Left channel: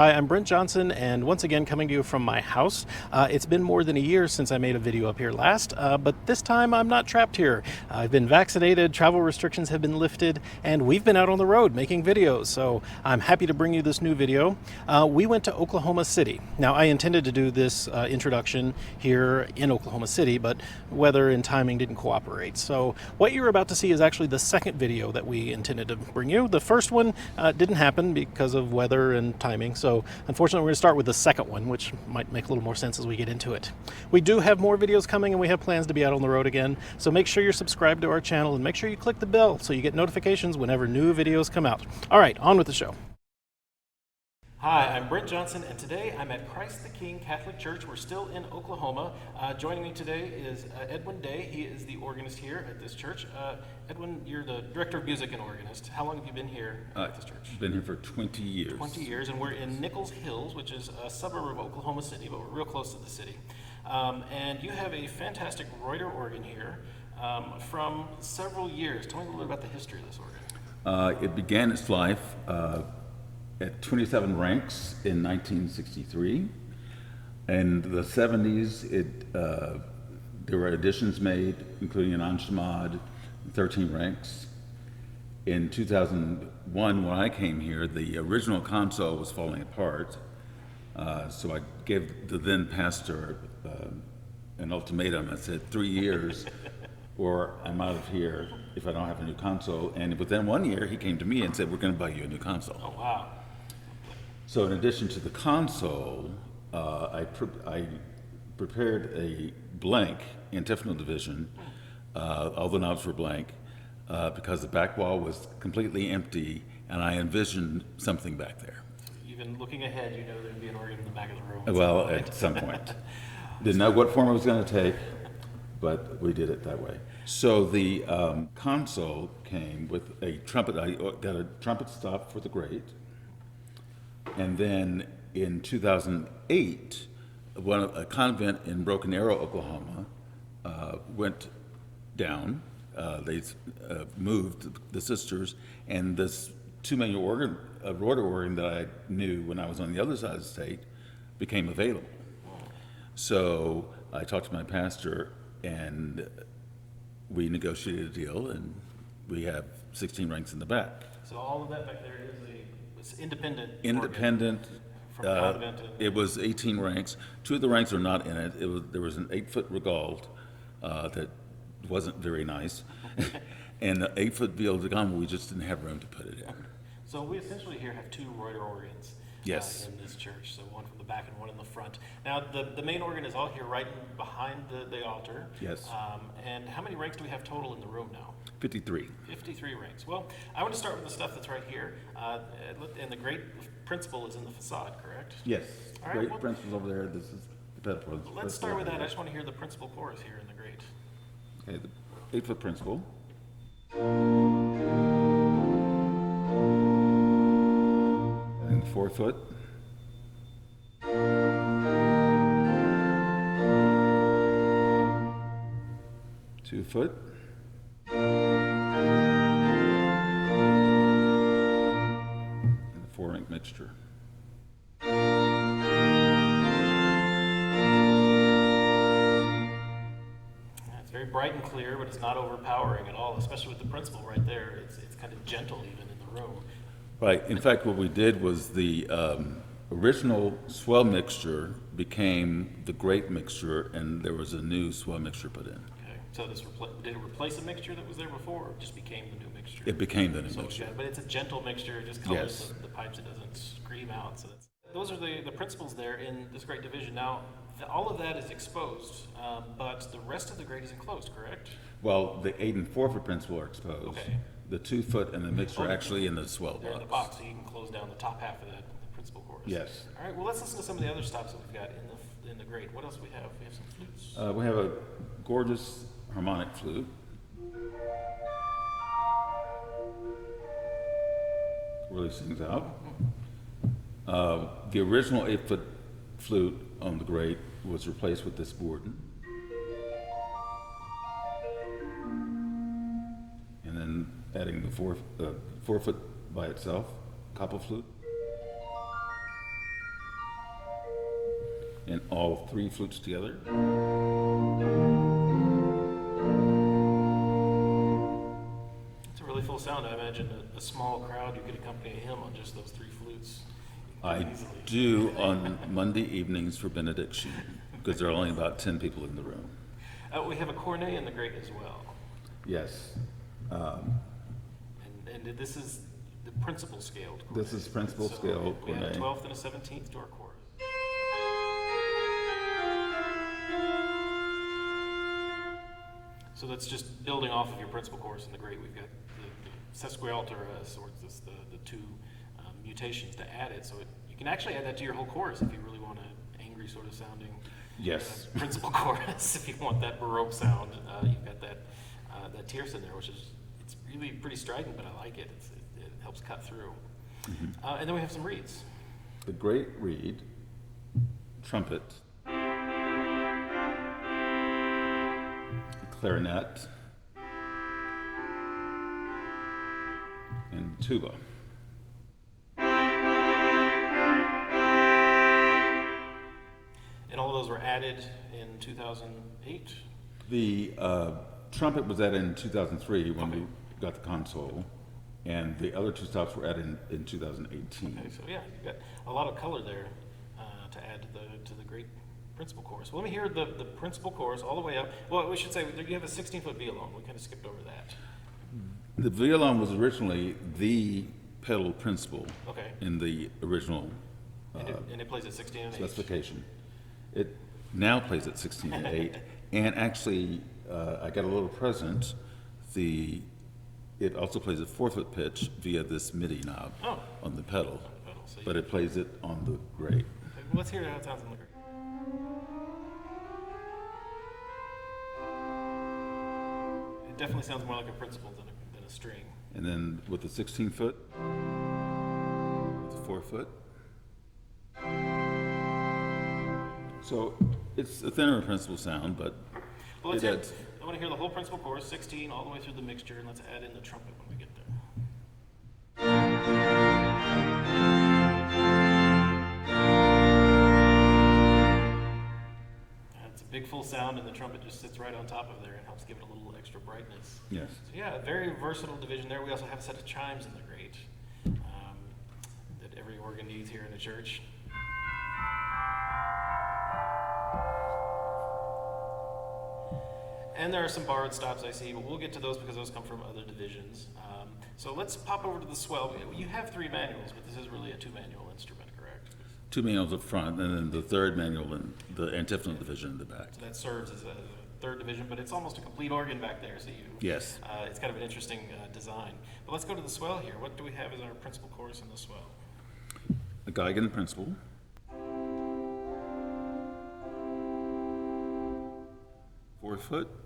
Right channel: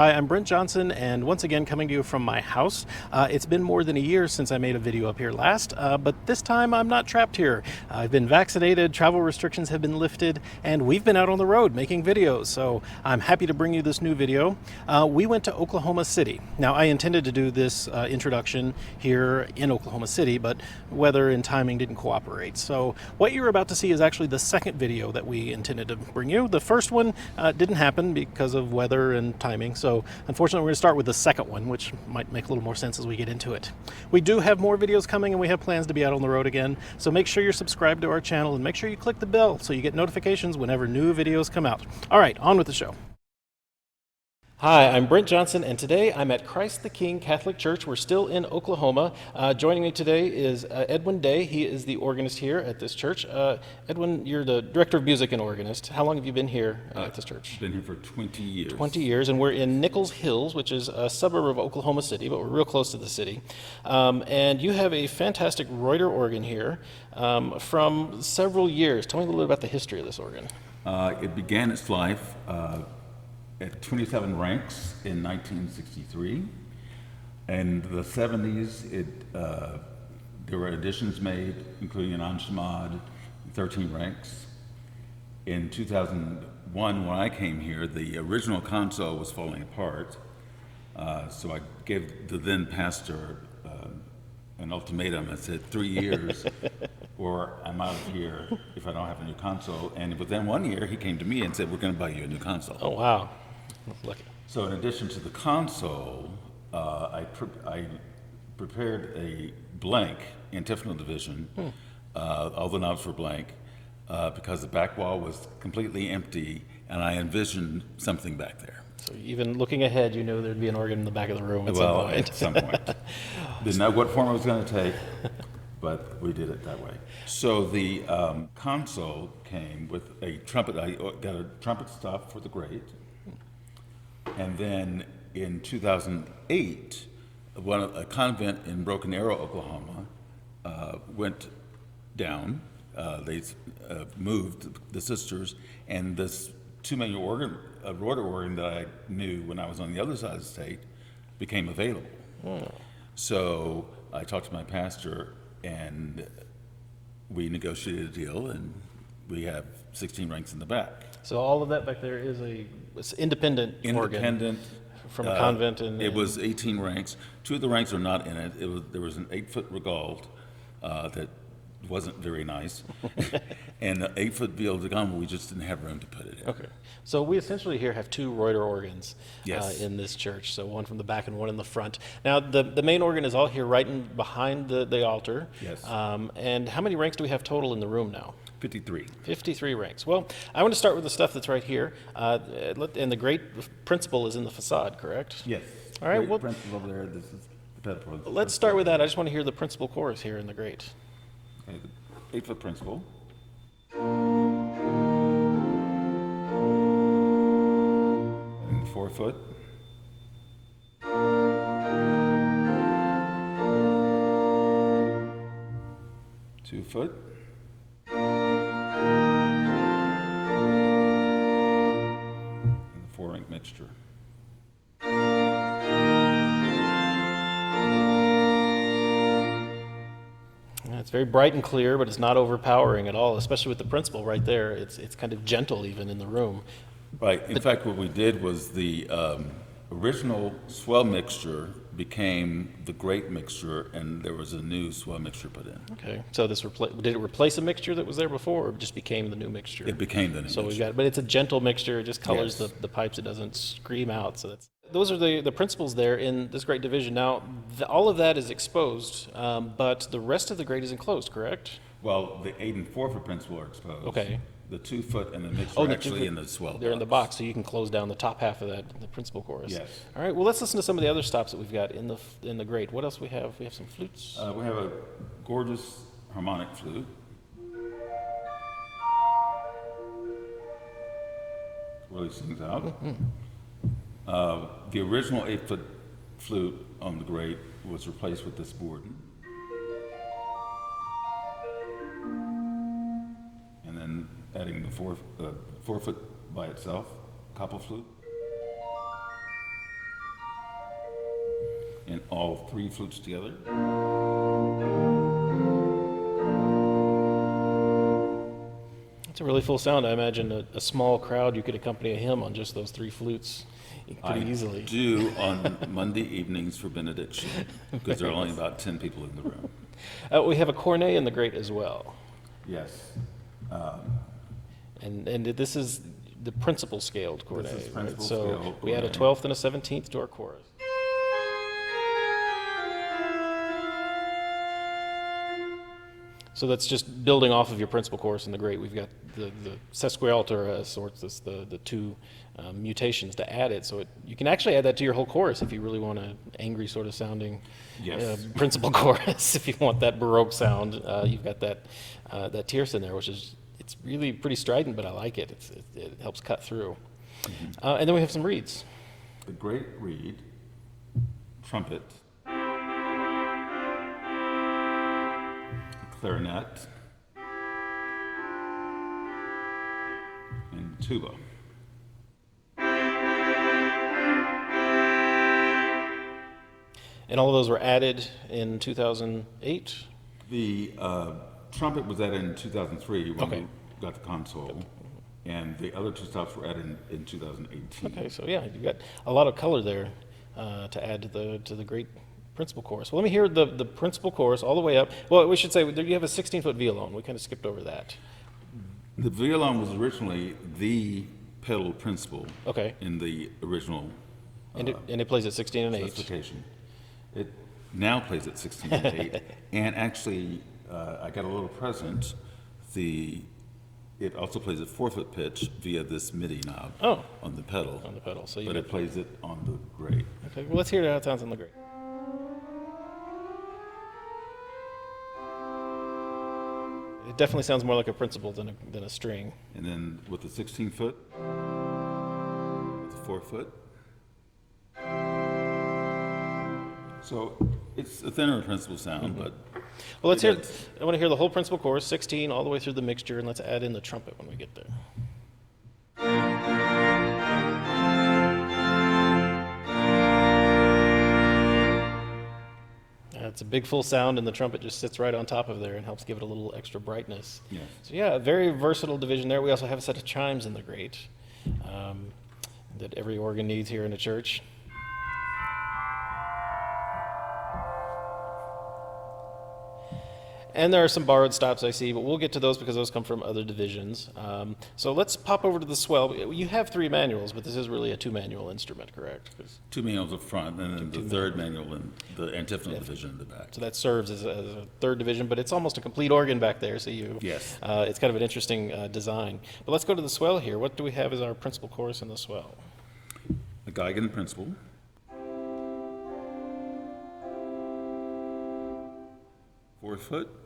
Hi, I'm Brent Johnson, and once again coming to you from my house. It's been more than a year since I made a video up here last, but this time I'm not trapped here. I've been vaccinated, travel restrictions have been lifted, and we've been out on the road making videos, so I'm happy to bring you this new video. We went to Oklahoma City. Now, I intended to do this introduction here in Oklahoma City, but weather and timing didn't cooperate. So what you're about to see is actually the second video that we intended to bring you. The first one didn't happen because of weather and timing, so unfortunately we're going to start with the second one, which might make a little more sense as we get into it. We do have more videos coming, and we have plans to be out on the road again, so make sure you're subscribed to our channel and make sure you click the bell so you get notifications whenever new videos come out. All right, on with the show. Hi, I'm Brent Johnson, and today I'm at Christ the King Catholic Church. We're still in Oklahoma. Joining me today is Edwin Day. He is the organist here at this church. Edwin, you're the director of music and organist. How long have you been here at this church? Been here for 20 years. 20 years, and we're in Nichols Hills, which is a suburb of Oklahoma City, but we're real close to the city. And you have a fantastic Reuter organ here from several years. Tell me a little bit about the history of this organ. It began its life at 27 ranks in 1963. In the 70s, there were additions made, including an enchimade, 13 ranks. In 2001, when I came here, the original console was falling apart. So I gave the then pastor an ultimatum. I said, 3 years, or I'm out of here if I don't have a new console. And within 1 year, he came to me and said, we're going to buy you a new console. Oh, wow. Lucky. So in addition to the console, I prepared a blank antiphonal division. All the knobs were blank because the back wall was completely empty, and I envisioned something back there. So even looking ahead, you know there'd be an organ in the back of the room at Well, some point. at some point. Didn't know what form it was going to take, but we did it that way. So the console came with a trumpet. I got a trumpet stop for the grate. And then in 2008, a convent in Broken Arrow, Oklahoma, went down. They moved the sisters, and this two-manual organ, a Reuter organ that I knew when I was on the other side of the state, became available. So I talked to my pastor, and we negotiated a deal, and we have 16 ranks in the back. So all of that back there is it's independent Independent. organ from a convent. It was 18 ranks. 2 of the ranks are not in it. There was an 8-foot Regauld that wasn't very nice, and an 8-foot Viol de Gamme, we just didn't have room to put it in. Okay. So we essentially here have 2 Reuter organs Yes. in this church. So one from the back and one in the front. Now the main organ is all here right behind the altar. Yes. And how many ranks do we have total in the room now? 53. 53 ranks. Well, I want to start with the stuff that's right here. And the great principal is in the facade, correct? Yes. All right, Great well- principal over there. This is the pedal. Let's start with that. I just want to hear the principal chorus here in the great. Okay, the 8-foot principal. And 4-foot. Two-foot. And the 4-rank mixture. It's very bright and clear, but it's not overpowering at all, especially with the principal right there. It's kind of gentle even in the room. Right. In fact, what we did was the original swell mixture became the great mixture, and there was a new swell mixture put in. Okay, so did it replace a mixture that was there before, or just became the new mixture? It became the new So mixture. but it's a gentle mixture. It just colors Yes. the pipes. It doesn't scream out. So those are the principals there in this great division. Now, all of that is exposed, but the rest of the grate is enclosed, correct? Well, the 8 and 4-foot principal are exposed. Okay. The 2-foot and the mixture Oh, are the actually 2-foot, in the swell box. They're in the box, so you can close down the top half of the principal chorus. Yes. All right. Well, let's listen to some of the other stops that we've got in the grate. What else we have? We have some flutes. We have a gorgeous harmonic flute. Really sings out. The original 8-foot flute on the grate was replaced with this Borden. And then adding the 4-foot by itself, copper flute. and all three flutes together. It's a really full sound. I imagine a small crowd, you could accompany a hymn on just those three flutes pretty easily. Do on Monday evenings for benediction, because there are only about 10 people in the room. We have a cornet in the grate as well. Yes. And this is the principal scaled cornet. This is principal right? scaled So we add a cornet. 12th and a 17th to our chorus. So that's just building off of your principal chorus in the grate. We've got the sesquialter sorts, the two mutations to add it. So you can actually add that to your whole chorus if you really want an angry sort of sounding principal chorus. If you want that Baroque sound, you've got that tierce in there, which is it's really pretty strident, but I like it. It helps cut through. Mm-hmm. And then we have some reeds. The great reed, trumpet, clarinet, and tuba. And all of those were added in 2008? The trumpet was added in 2003 when we got the console, and the other two stops were added in 2018. Okay, so yeah, you've got a lot of color there to add to the great principal chorus. Well, let me hear the principal chorus all the way up. Well, we should say you have a 16-foot violon. We kind of skipped over that. The violon was originally the pedal principal Okay. in the original And it plays at 16 and 8. specification. It now plays at 16 and 8, and actually, I got a little present. It also plays at 4-foot pitch via this MIDI knob on the pedal. On the pedal. So But it plays it on the grate. Okay, well, let's hear how it sounds on the grate. It definitely sounds more like a principal than a string. And then with the 16-foot, with the 4-foot. So it's a thinner principal sound, but Well, let's hear. I want to hear the whole principal chorus, 16, all the way through the mixture, and let's add in the trumpet when we get there. It's a big full sound, and the trumpet just sits right on top of there and helps give it a little extra brightness. yes. So yeah, a very versatile division there. We also have a set of chimes in the grate that every organ needs here in a church. And there are some borrowed stops I see, but we'll get to those because those come from other divisions. So let's pop over to the swell. You have 3 manuals, but this is really a 2-manual instrument, correct? 2 manuals up front, and then the third manual in the antiphonal division in the back. So that serves as a 3rd division, but it's almost a complete organ back there. So Yes. It's kind of an interesting design. But let's go to the swell here. What do we have as our principal chorus in the swell? A Geigen principal. Fourth foot.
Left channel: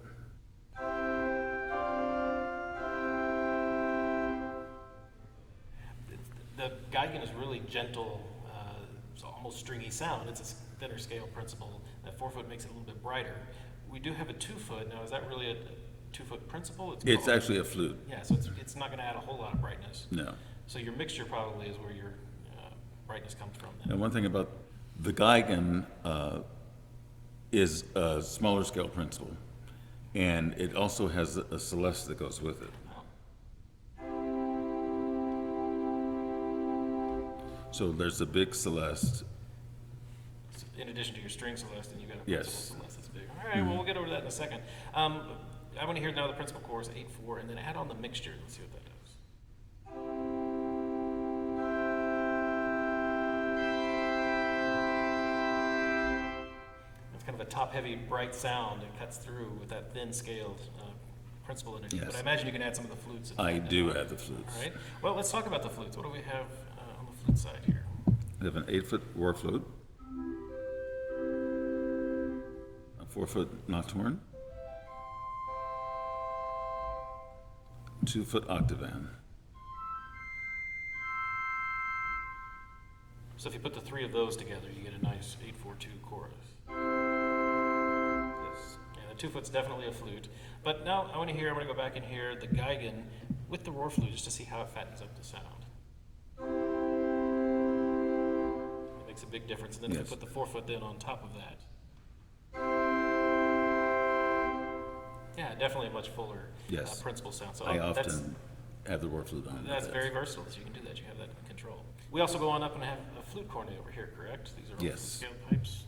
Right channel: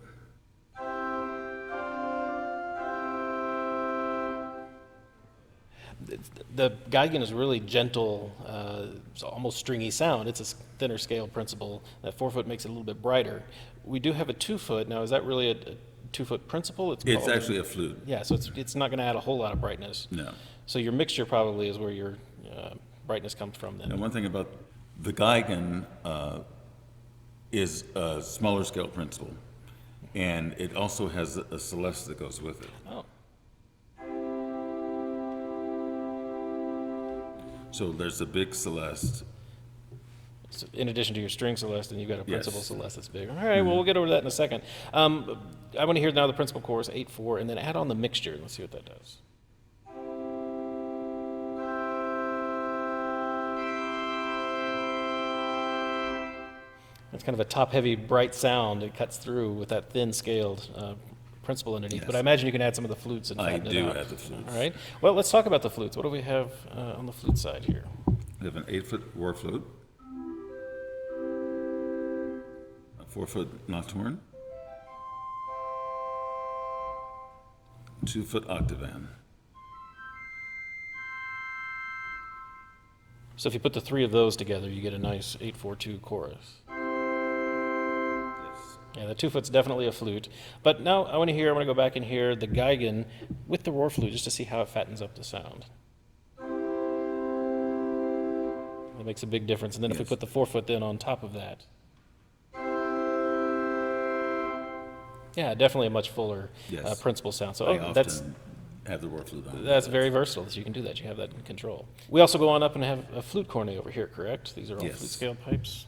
The Geigen is really gentle, it's almost stringy sound. It's a thinner scale principal. That 4-foot makes it a little bit brighter. We do have a 2-foot. Now, is that really a 2-foot principal? It's actually a flute. Yeah, so it's not going to add a whole lot of brightness. No. So your mixture probably is where your brightness comes from then. And one thing about the Geigen is a smaller scale principal, and it also has a celeste that goes with it. Oh. So there's a big celeste. So in addition to your string celeste, and you've got a Yes. principal celeste that's big. All right, well, we'll get over to that in a second. I want to hear now the principal chorus, 8/4, and then add on the mixture. Let's see what that does. It's kind of a top-heavy, bright sound. It cuts through with that thin-scaled principal underneath. Yes. But I imagine you can add some of the flutes. And I flatten it do out. have the flutes. All right. Well, let's talk about the flutes. What do we have on the flute side here? We have an 8-foot war flute, a 4-foot nocturne, 2-foot octavan. So if you put the 3 of those together, you get a nice 8/4/2 chorus. Yes. Yeah, the 2-foot's definitely a flute. But now I want to go back and hear the Geigen with the roar flute just to see how it fattens up the sound. That makes a big difference. And then if we Yes. put the 4-foot then on top of that. Yeah, definitely a much fuller Yes. principal sound. So I that's often have the roar flute on. That's very versatile, so you can do that. You have that in control. We also go on up and have a flute cornet over here, correct? These are all Yes. flute scale pipes.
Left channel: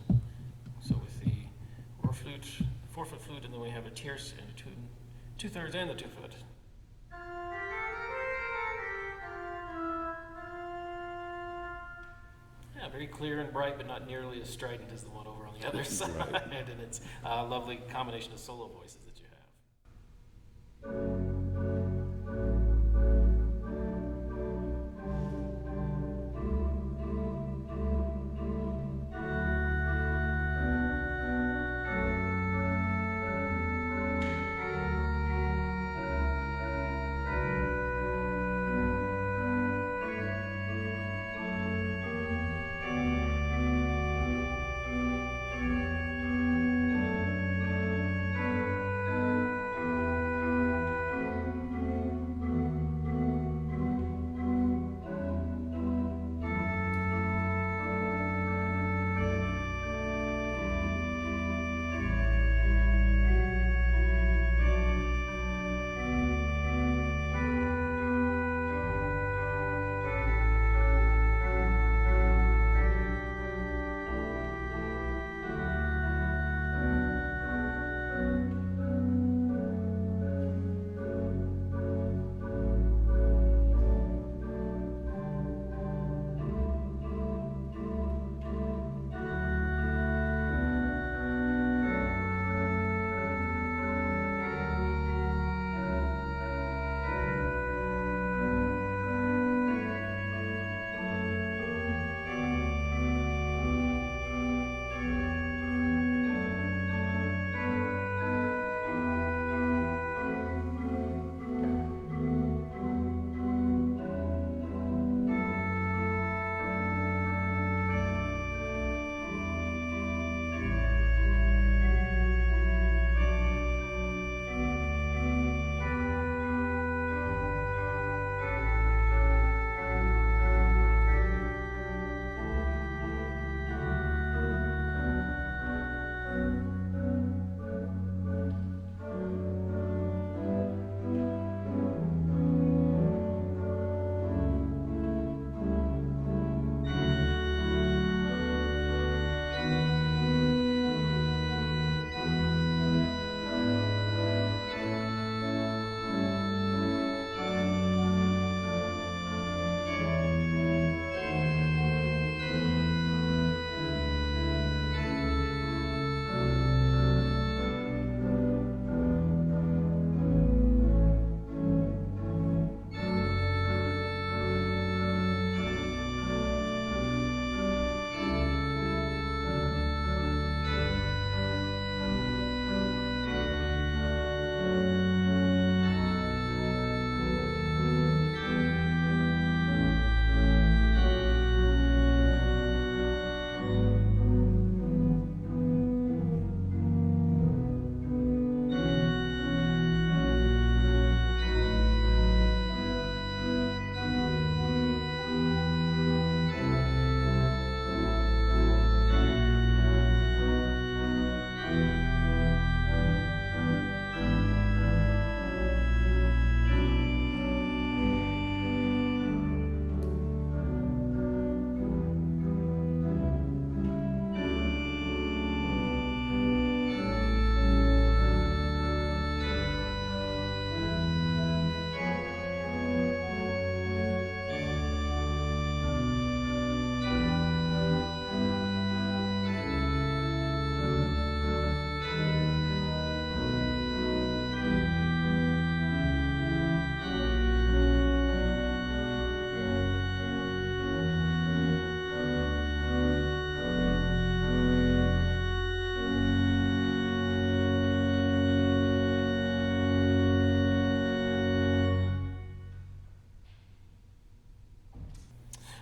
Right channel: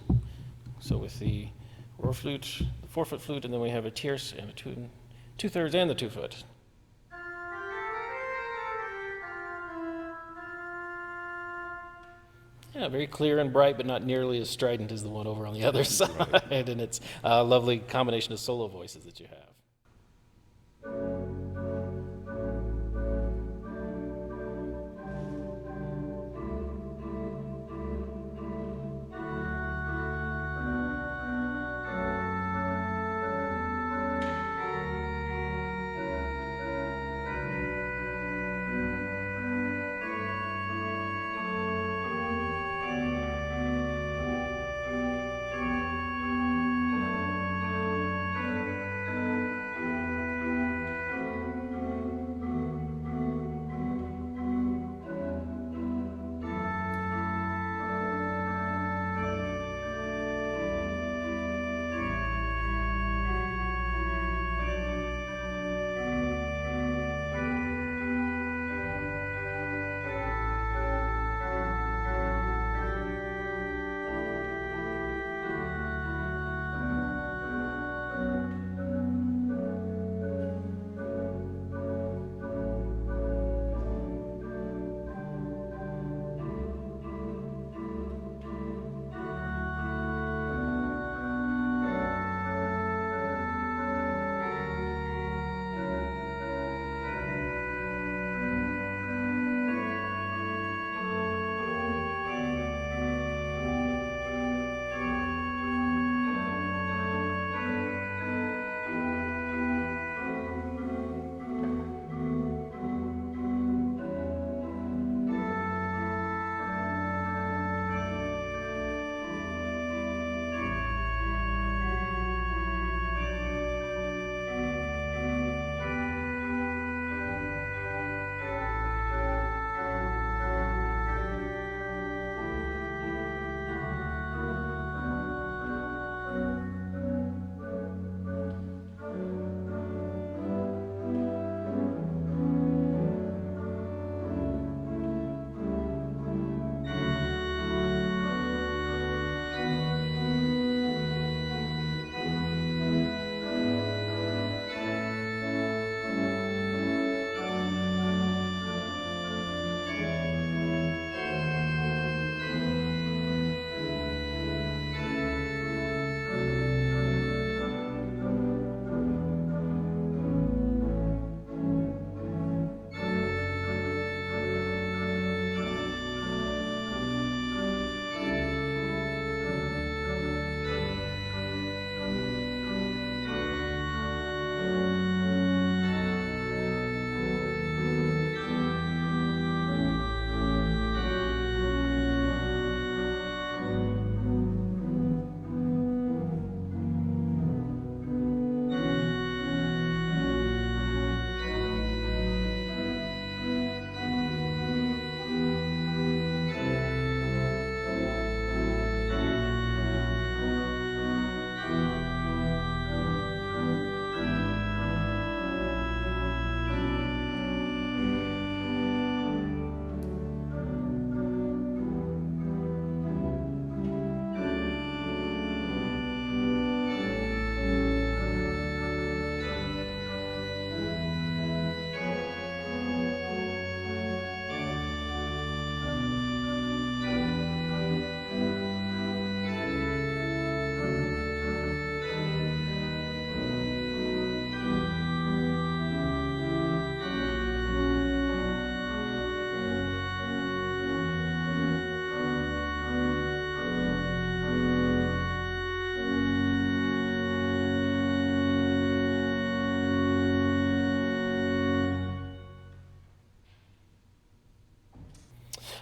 So with the roar flute, the 4-foot flute, and then we have a tierce and a 2/3 and the 2-foot. Yeah, very clear and bright, but not nearly as strident as the one over on the other side. Right. And it's a lovely combination of solo voices that you have.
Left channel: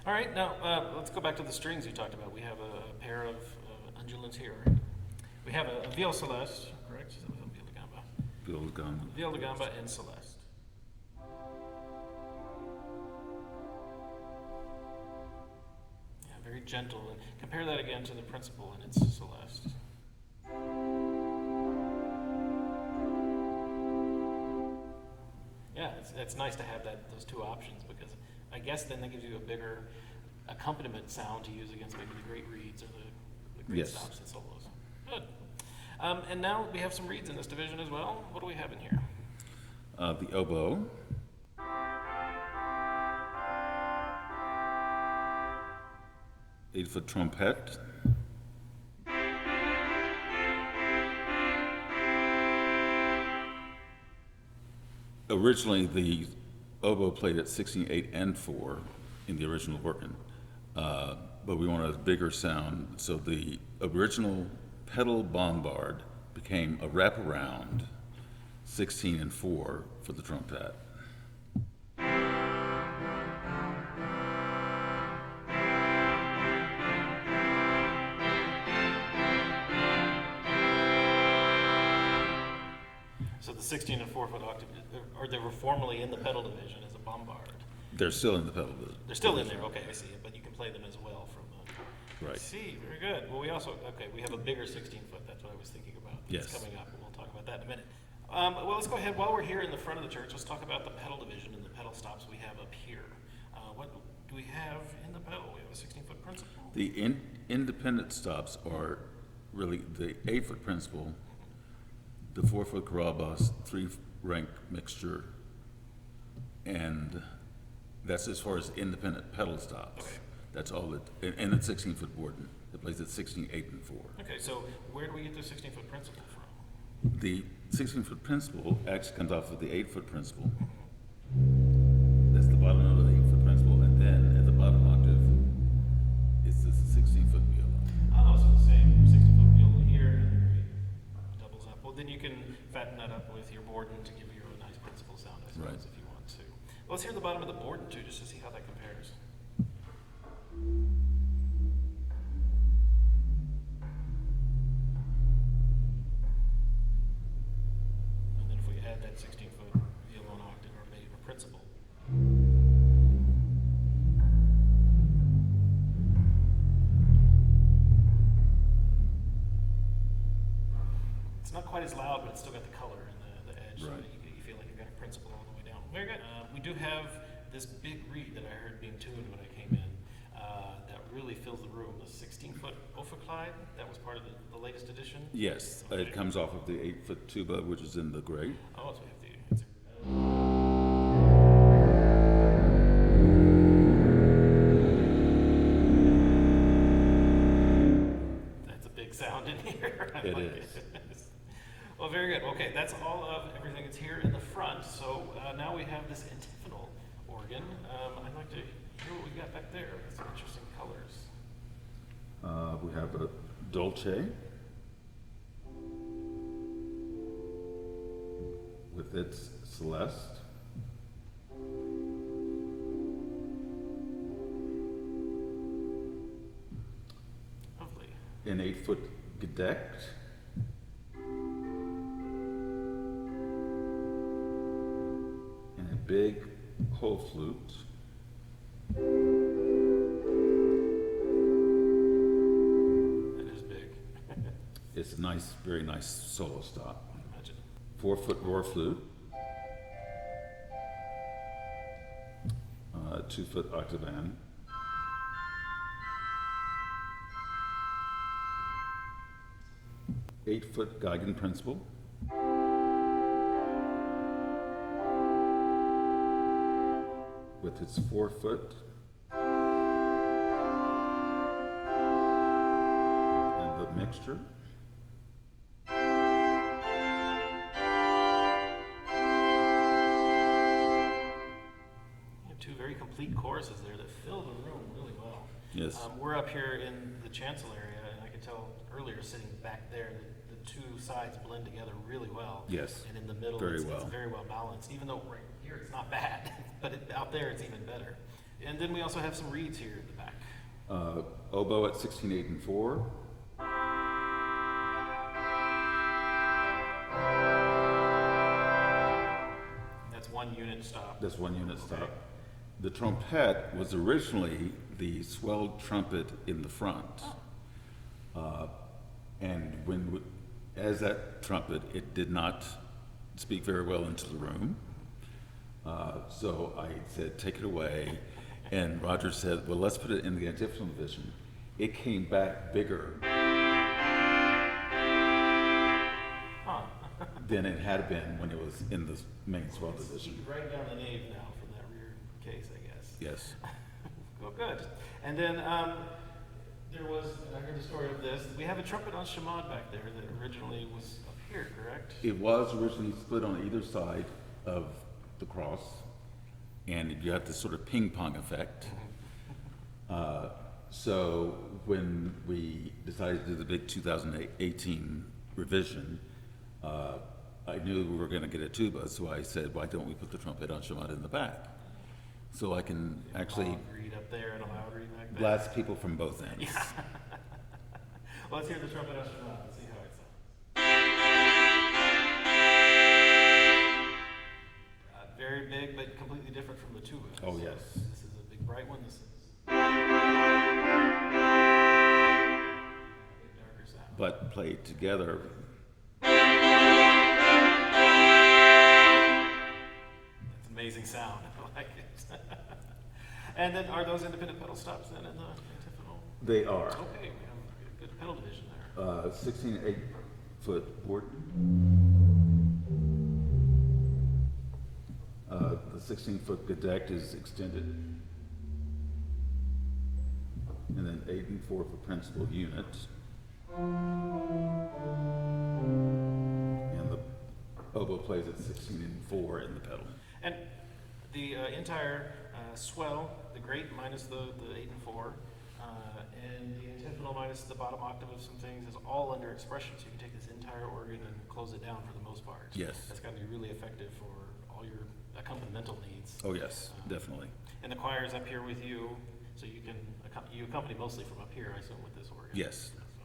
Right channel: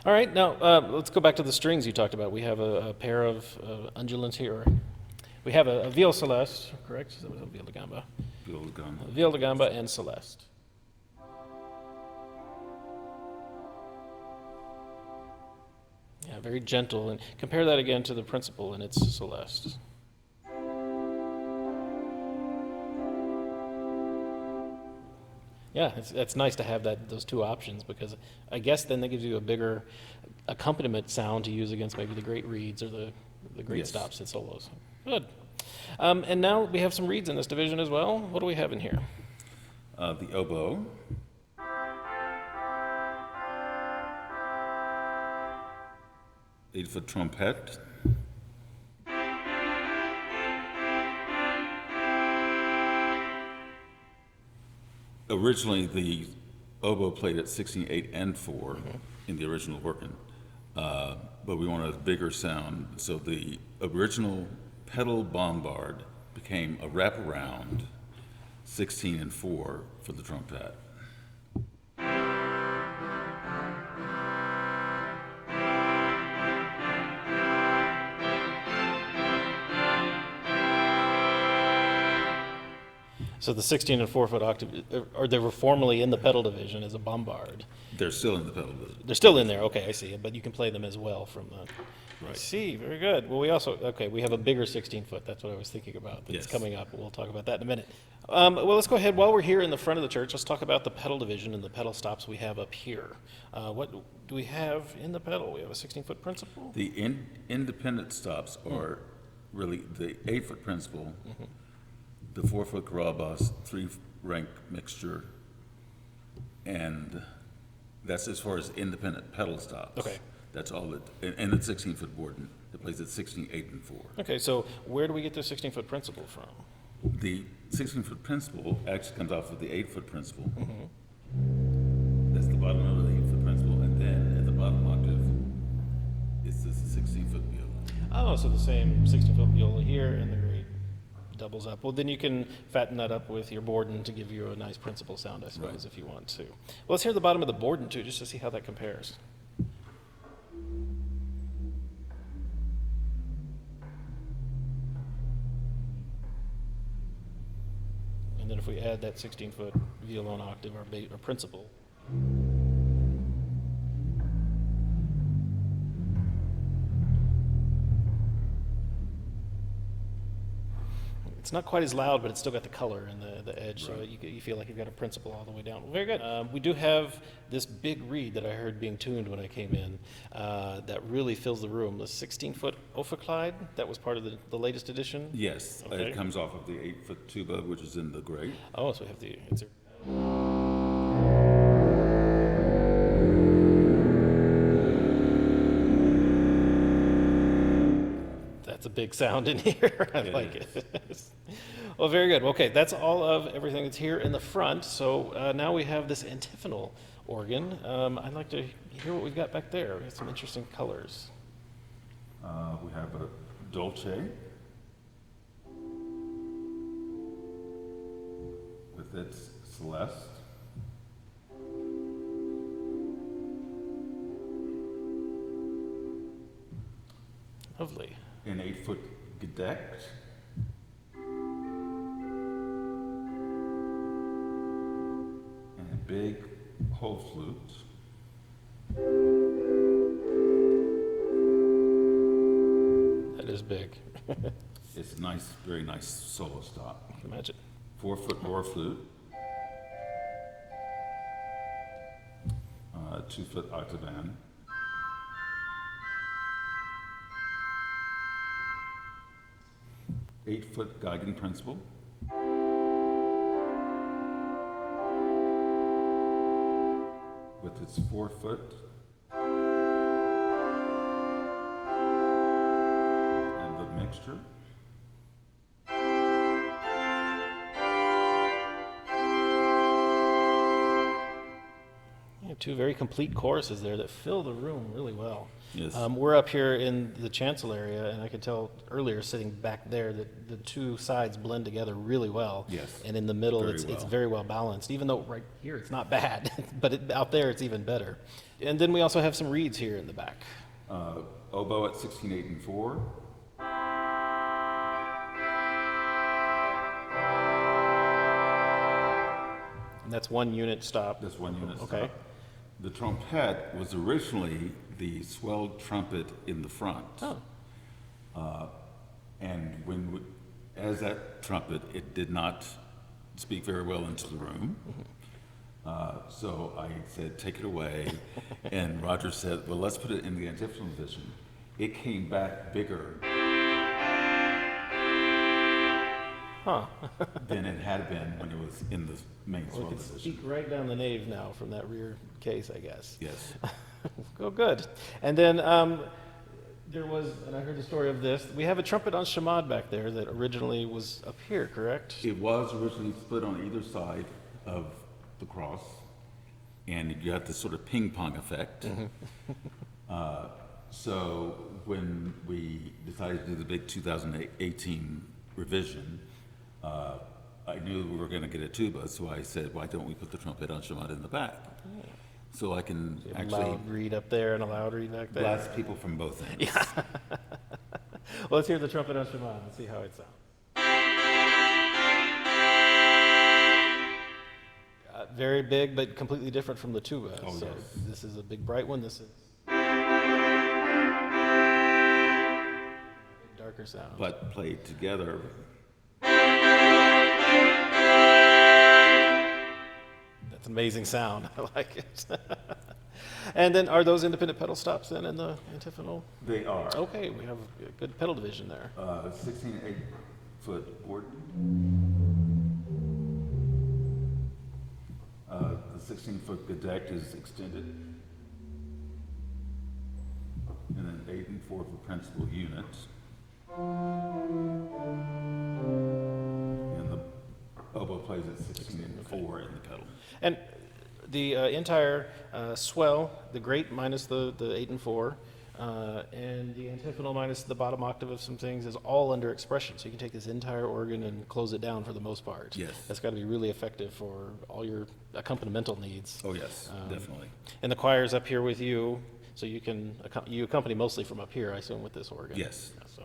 All right, now let's go back to the strings you talked about. We have a pair of undulants here. We have a viol celeste, correct? That was a viol de gamba. Viol de gamba. Viol de gamba and celeste. Yeah, very gentle. And compare that again to the principal, and it's Celeste. Yeah, it's nice to have those two options, because I guess then that gives you a bigger accompaniment sound to use against maybe the great reeds or the great Yes. stops and solos. Good. And now we have some reeds in this division as well. What do we have in here? The oboe, eight-foot trumpet, originally the oboe played at 16, 8, and 4 in the original working, but we wanted a bigger sound, so the original pedal bombard became a wraparound 16 and 4 for the trumpet. So the 16 and 4 foot octave, or they were formerly in the pedal division as a bombard. They're still in the pedal. They're still in there. Okay, I see. But you can play them as well from the. Right. I see. Very good. Well, we also we have a bigger 16 foot. That's what I was thinking about. That's Yes. coming up. We'll talk about that in a minute. Well, let's go ahead. While we're here in the front of the church, let's talk about the pedal division and the pedal stops we have up here. What do we have in the pedal? We have a 16-foot principal. The independent stops are really the 8-foot principal, the 4-foot Carabas, 3-rank mixture, and that's as far as independent pedal stops. Okay. That's all that, and the 16-foot board, it plays at 16, 8, and 4. Okay, so where do we get the 16-foot principal from? The 16-foot principal actually comes off of the 8-foot principal. That's the bottom note of the 8-foot principal, and then at the bottom octave, it's this 16-foot viola. Oh, so the same 16-foot viola here, and the grade doubles up. Well, then you can fatten that up with your Borden to give you a nice principal sound, I suppose, Right. if you want to. Well, let's hear the bottom of the Borden, too, just to see how that compares. And then if we add that 16-foot violon octave, our principal. It's not quite as loud, but it's still got the color and the edge, Right. so you feel like you've got a principal all the way down. Very good. We do have this big reed that I heard being tuned when I came in that really fills the room. The 16-foot Ophiclyde, that was part of the latest edition? Yes, Okay. it comes off of the 8-foot tuba, which is in the grate. Oh, so we have the... That's a big sound in here. I It like is. it. Well, very good. Okay, that's all of everything that's here in the front. So now we have this antiphonal organ. I'd like to hear what we've got back there. We have some interesting colors. We have a Dolce with its Celeste. Lovely. An 8-foot Gedeckt. And a big whole flute. That is big. It's a nice, very nice solo stop. I can imagine. 4-foot roar flute. 2-foot octavan. Eight-foot Geigen principal. With its 4-foot and the mixture. You have two very complete choruses there that fill the room really well. Yes. We're up here in the chancel area, and I could tell earlier sitting back there that the two sides blend together really well. Yes, And in the middle, very it's well. very well balanced, even though right here it's not bad, but out there it's even better. And then we also have some reeds here in the back. Oboe at 16, 8, and 4. And that's one unit stop. That's one unit Okay. stop. The trompette was originally the swelled trumpet in the front. Oh. And as that trumpet, it did not speak very well into the room. So I said, take it away. And Roger said, well, let's put it in the antiphonal division. It came back bigger Huh. than it had been when it was in the main swell It's division. right down the nave now from that rear case, I guess. Yes. Oh, good. And then there was, and I heard the story of this, we have a trumpet on Shemad back there that originally was up here, correct? It was originally split on either side of the cross, and you have this sort of ping pong effect. So when we decided to do the big 2018 revision, I knew we were going to get a tuba, so I said, why don't we put the trumpet on Shemad in the back? So I can A actually loud reed up there and a loud reed back there. blast people from both ends. Well, let's hear the trumpet on Shemad and see how it sounds. Very big, but completely different from the tuba. Oh, So yes. This is a big bright one. This is darker sound. But played together, That's amazing sound. I like it. And then, are those independent pedal stops then in the antiphonal? they are. Okay, we have a good pedal division there. 16 8-foot board. The 16-foot gedect is extended. And then 8 and 4 for principal unit. And the oboe plays at 16 and 4 in the pedal. And the entire swell, the great minus the 8 and 4, and the antiphonal minus the bottom octave of some things is all under expression. So you can take this entire organ and close it down for the most part. Yes. That's got to be really effective for all your accompanimental needs. Oh, yes, definitely. And the choir's up here with you, so you can you accompany mostly from up here, I assume, with this organ. Yes. So,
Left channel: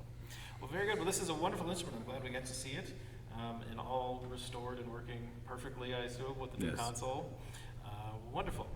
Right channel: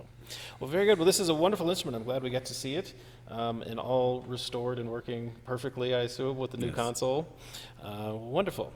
well, very good. Well, this is a wonderful instrument. I'm glad we got to see it, and all restored and working perfectly, I assume, with the new Yes. console. Wonderful.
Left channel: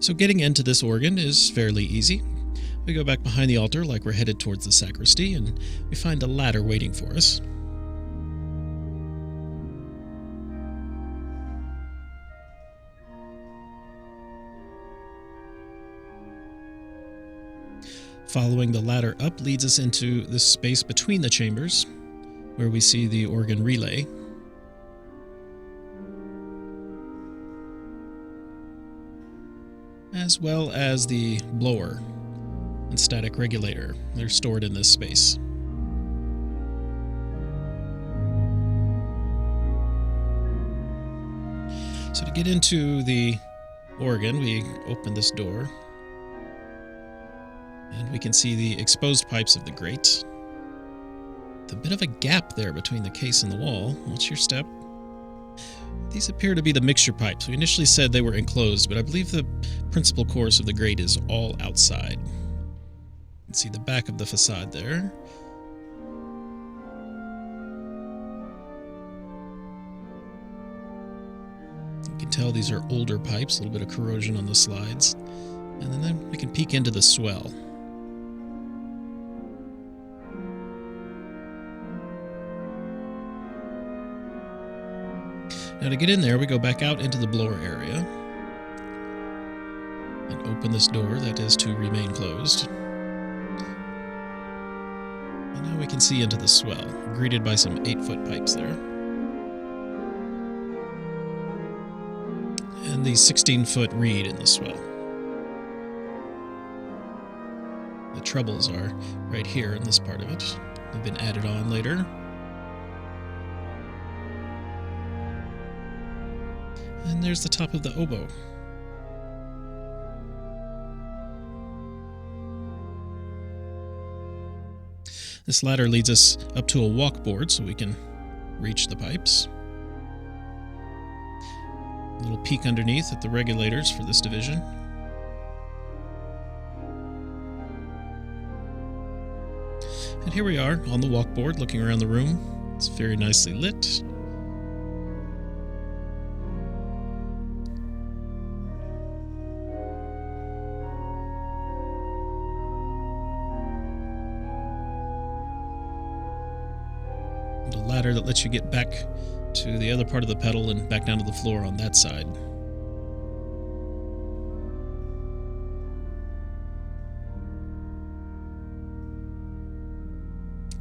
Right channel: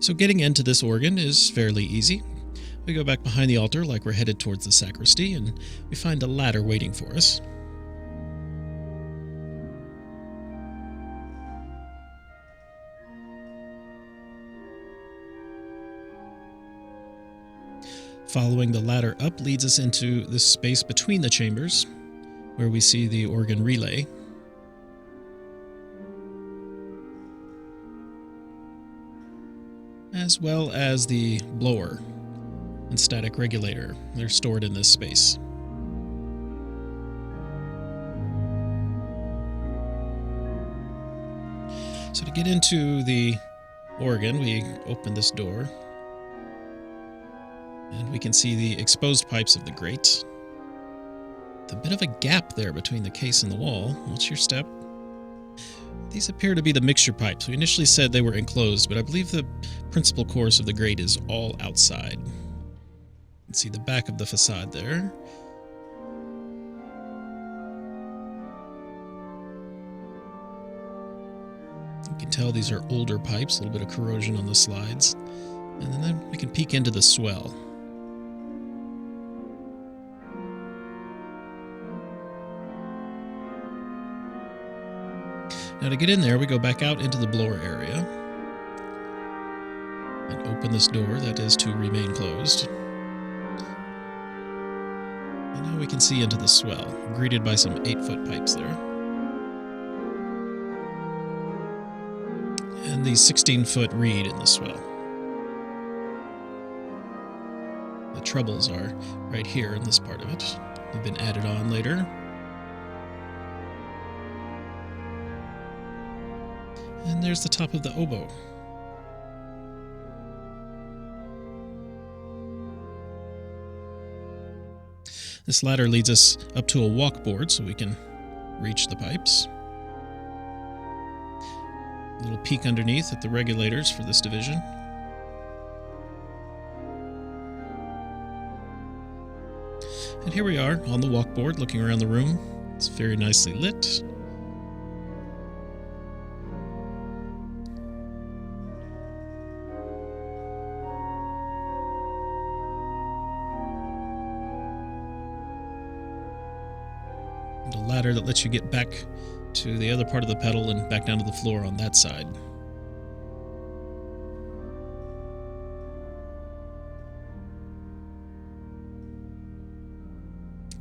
So getting into this organ is fairly easy. We go back behind the altar like we're headed towards the sacristy, and we find a ladder waiting for us. Following the ladder up leads us into this space between the chambers, where we see the organ relay. As well as the blower and static regulator. They're stored in this space. So to get into the organ, we open this door, and we can see the exposed pipes of the grate. With a bit of a gap there between the case and the wall. What's your step? These appear to be the mixture pipes. We initially said they were enclosed, but I believe the principal course of the grate is all outside. You can see the back of the facade there. You can tell these are older pipes, a little bit of corrosion on the slides. And then we can peek into the swell. Now to get in there, we go back out into the blower area and open this door that is to remain closed. And now we can see into the swell, greeted by some 8-foot pipes there. And the 16-foot reed in the swell. The trebles are right here in this part of it. They've been added on later. And there's the top of the oboe. This ladder leads us up to a walkboard so we can reach the pipes. A little peek underneath at the regulators for this division. And here we are on the walkboard looking around the room. It's very nicely lit. And a ladder that lets you get back to the other part of the pedal and back down to the floor on that side.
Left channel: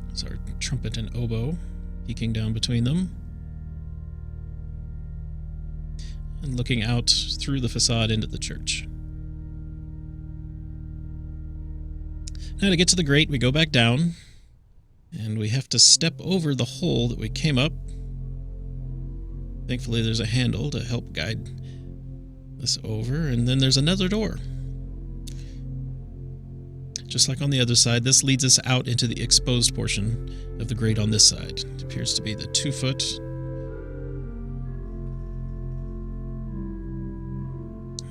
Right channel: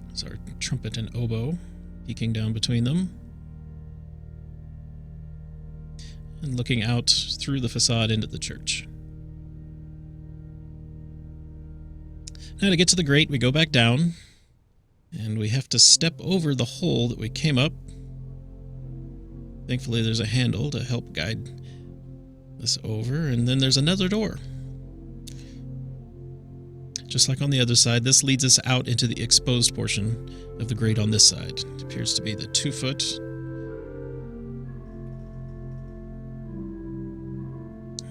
There's our trumpet and oboe peeking down between them. And looking out through the facade into the church. Now to get to the grate, we go back down. And we have to step over the hole that we came up. Thankfully, there's a handle to help guide us over. And then there's another door. Just like on the other side, this leads us out into the exposed portion of the grate on this side. It appears to be the 2-foot.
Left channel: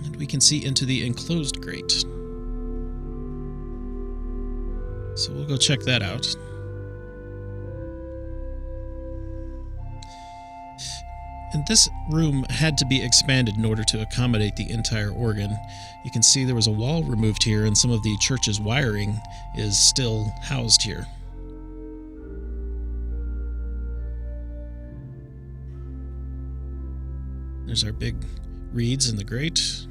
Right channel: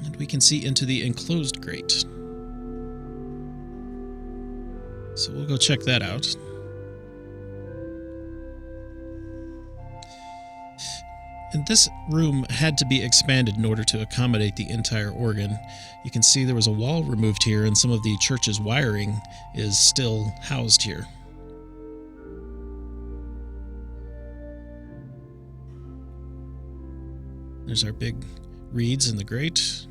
And we can see into the enclosed grate. So we'll go check that out. And this room had to be expanded in order to accommodate the entire organ. You can see there was a wall removed here, and some of the church's wiring is still housed here. There's our big reeds in the grate.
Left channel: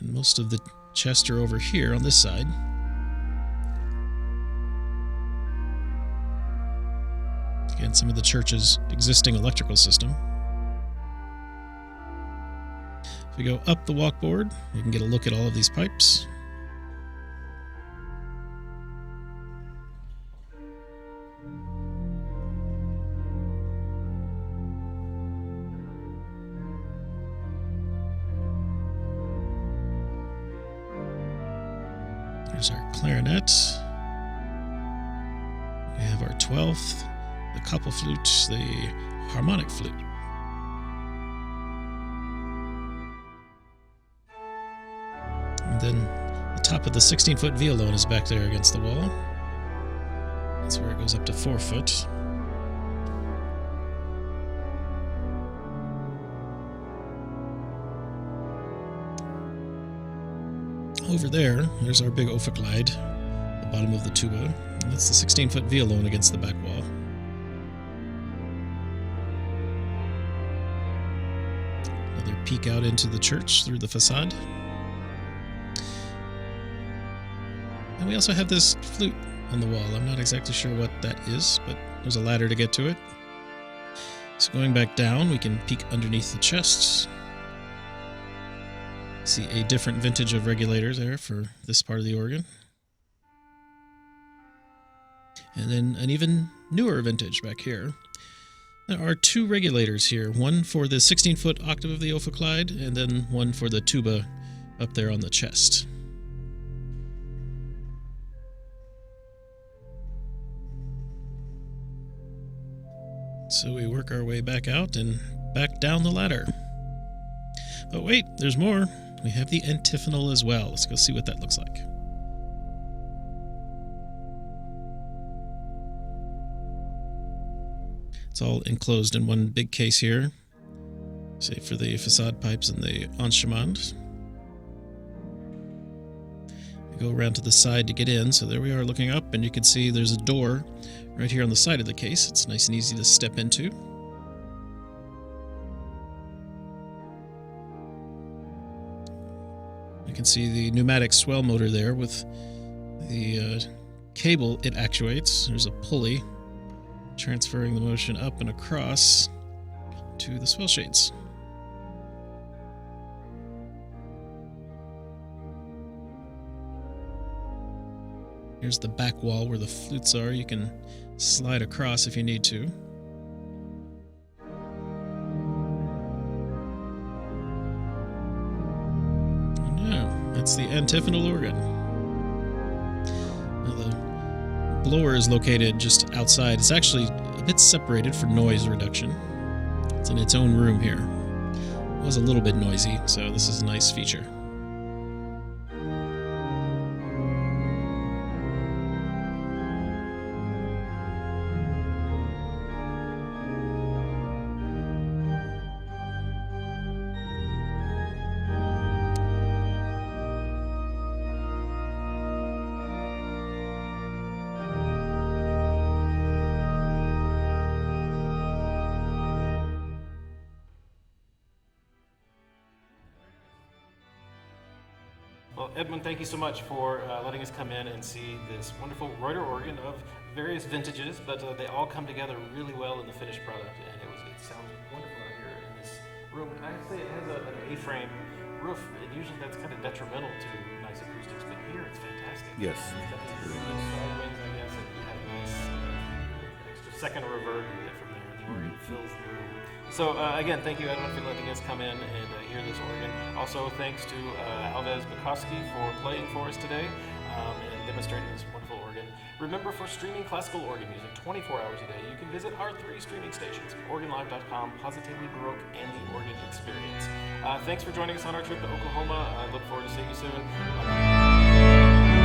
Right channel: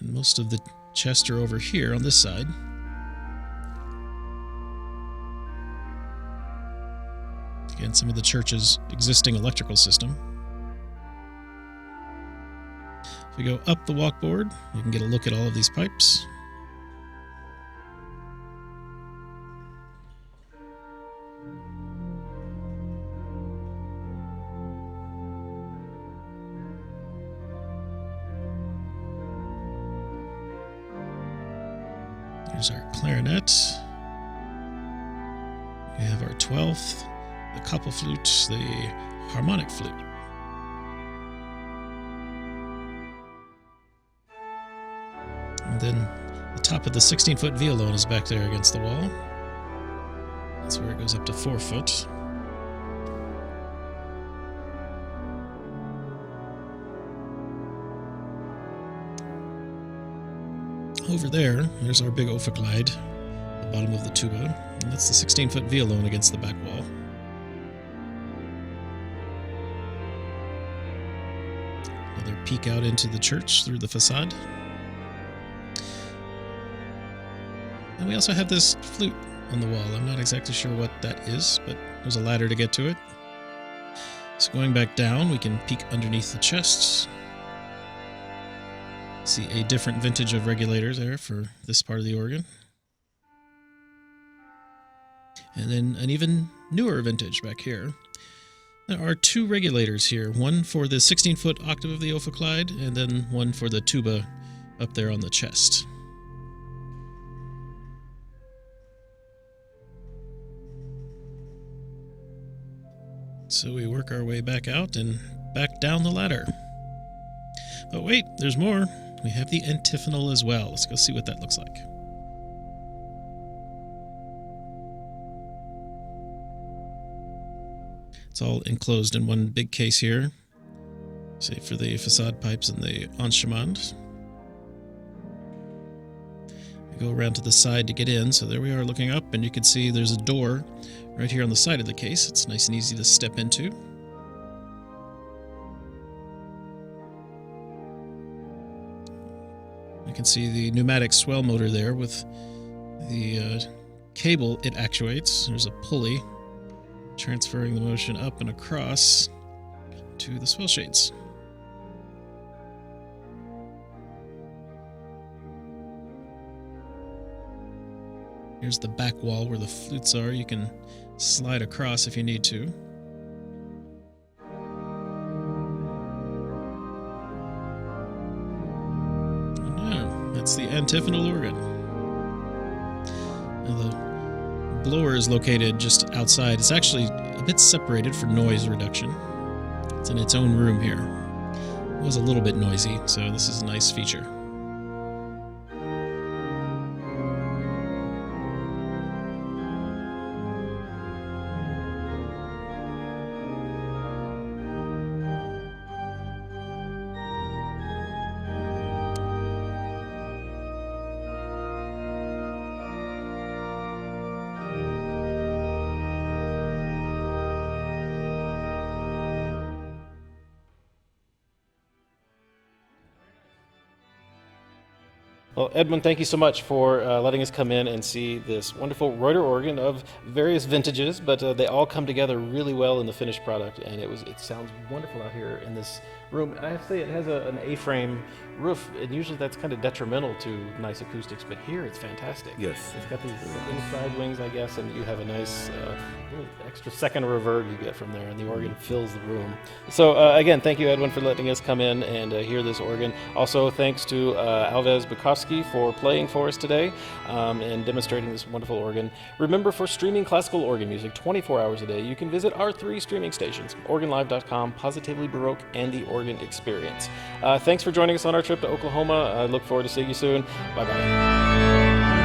And most of the chests are over here on this side. Again, some of the church's existing electrical system. If we go up the walkboard, we can get a look at all of these pipes. There's our clarinet. We have our 12th. The couple flute, the harmonic flute. And then the top of the 16-foot violon is back there against the wall. That's where it goes up to 4 foot. over there's our big Ophicleide, the bottom of the tuba, and that's the 16-foot violone against the back wall. Another peek out into the church through the facade. And we also have this flute on the wall. I'm not exactly sure what that is, but there's a ladder to get to it. So going back down, we can peek underneath the chests. See a different vintage of regulators there for this part of the organ. And then an even newer vintage back here. There are two regulators here, one for the 16-foot octave of the Ophicleide, and then one for the tuba up there on the chest. So we work our way back out and back down the ladder. But wait, there's more. We have the antiphonal as well. Let's go see what that looks like. It's all enclosed in one big case here, save for the facade pipes and the enchemand. We go around to the side to get in, so there we are looking up, and you can see there's a door right here on the side of the case. It's nice and easy to step into. You can see the pneumatic swell motor there with the cable it actuates. There's a pulley transferring the motion up and across to the swell shades. Here's the back wall where the flutes are. You can slide across if you need to. And yeah, that's the antiphonal organ. Now the blower is located just outside. It's actually a bit separated for noise reduction. It's in its own room here. It was a little bit noisy, so this is a nice feature. Well, Edwin, thank you so much for letting us come in and see this wonderful Reuter organ of various vintages, but they all come together really well in the finished product, and it sounds wonderful out here in this room. And I have to say, it has an A-frame roof, and usually that's kind of detrimental to nice acoustics, but here it's fantastic. Yes. It's got these inside wings, I guess, and you have a nice extra second of reverb you get from there, and the organ fills the room. So again, thank you, Edwin, for letting us come in and hear this organ. Also, thanks to Alvez Barkoskie for playing for us today and demonstrating this wonderful organ. Remember, for streaming classical organ music 24 hours a day, you can visit our 3 streaming stations, organlive.com, Positively Baroque, and The Organ Experience. Thanks for joining us on our trip to Oklahoma. I look forward to seeing you soon. Bye-bye.